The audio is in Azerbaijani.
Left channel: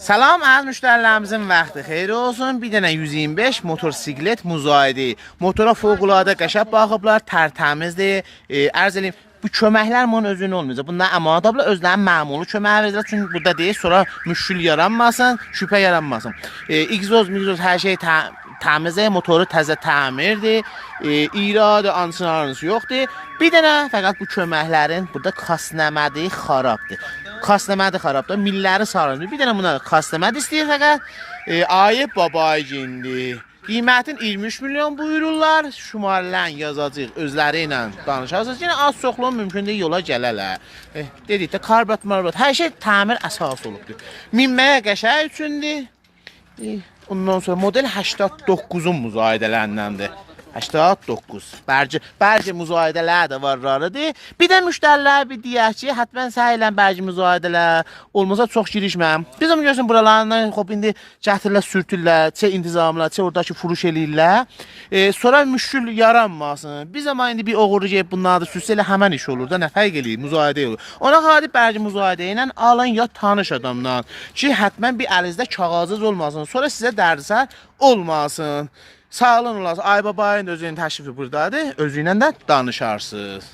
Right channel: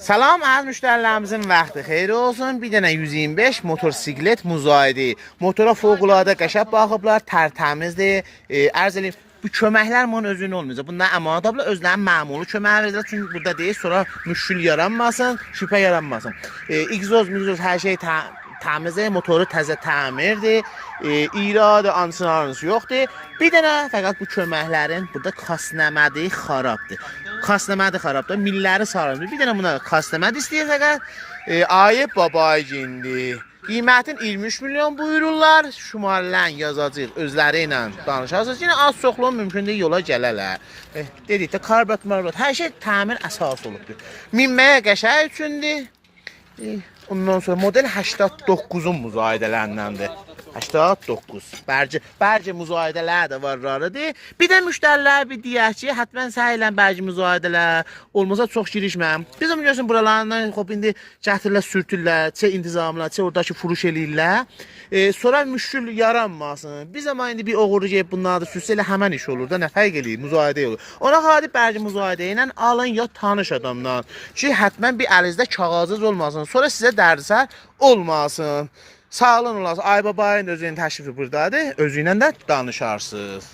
Salam əziz müştərilərimizin vaxtı xeyir olsun. Bir dənə 125 motosiklet müzayidə. Motora fövqəladə qəşəng baxıblar, tərtəmizdir. Ərz eləyim, bu köməklər bunun özünün olmayacaq. Bunlar əmanətlə özlərinin məmulu köməyi verirlər. Çünki burada deyil, sonra müşkül yaranmasın, şübhə yaranmasın. Egzoz, hər şey təmizdir, motoru təzə təmirdir. İradə, ansınarınız yoxdur. Bir dənə fəqət bu köməklərin burada kasnəmədi xarabdır. Kasnəmədi xarabdır, milləri sarılır. Bir dənə buna kasnəmədi istəyir fəqət. Ayıb babay gindi. Qiymətin 23 milyon buyururlar. Şumarlan yazacaq, özləri ilə danışarsınız. Yine az çoxluğun mümkün deyil, yola gələrlər. Dedikdə karbət, hər şey təmir əsas olubdur. Minməyə qəşəng üçündür. Ondan sonra model 89'un müzayidələrindəndir. 89. Bərci müzayidələr də var rarıdır. Bir də müştərilər bir deyək ki, həttən səhilən bərci müzayidələr olmasa çox girişməm. Bizim görürsən buralarından indi gətirirlər, sürtürlər, çə intizamlar, çə oradakı furuş eləyirlər. Sonra müşkül yaranmasın. Bir zaman indi bir oğurlu gəlib bunları da sürsə elə həmən iş olur da, nə fərq eləyir, müzayidə olur. Ona xadi bərci müzayidə ilə alın ya tanış adamdan ki, həttən bir əlinizdə kağızınız olmasın. Sonra sizə dərsər olmasın. Sağ olun olasın. Ay babayın özünün təşrifi buradadır. Özü ilə də danışarsınız.